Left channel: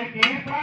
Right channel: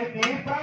மக்கள்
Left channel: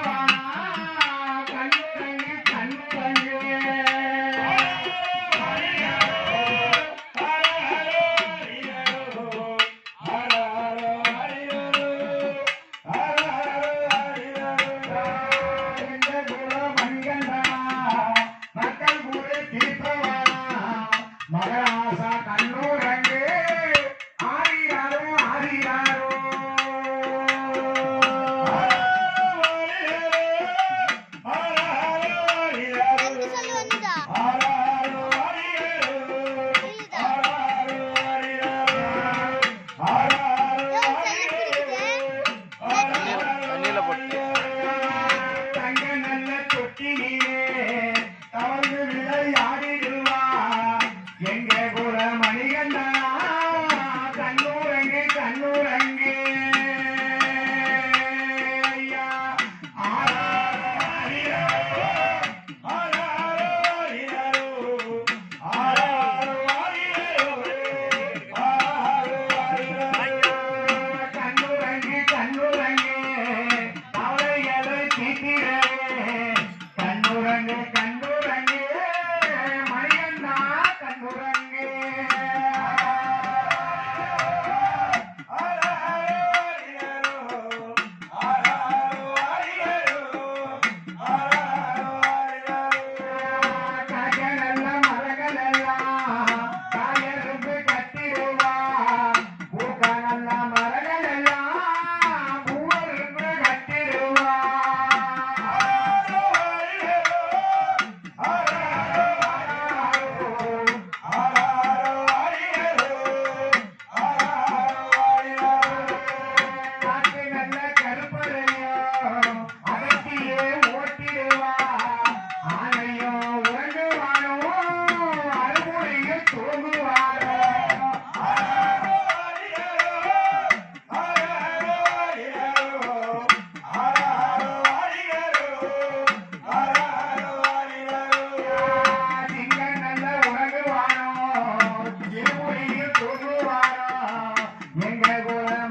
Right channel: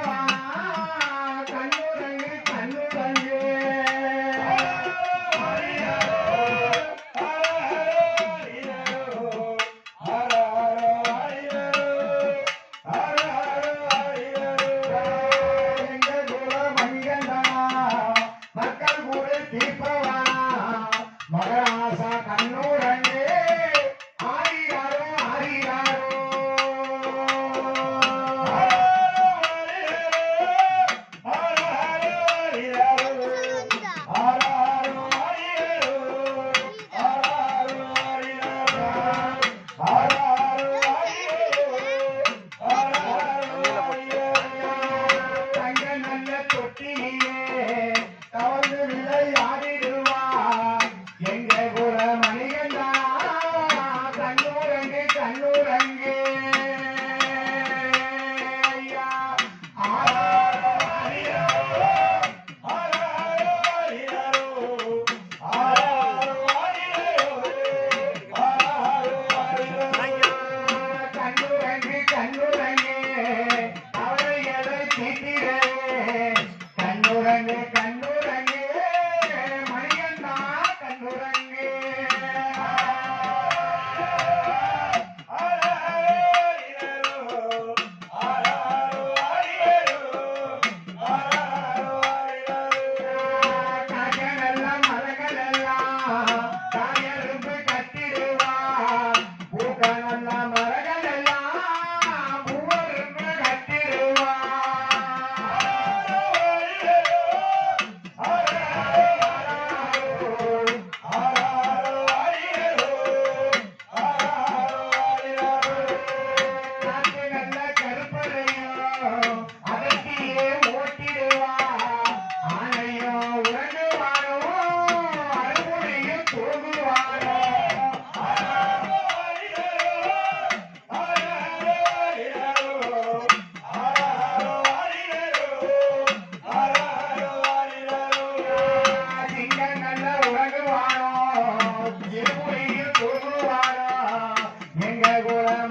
Thank you.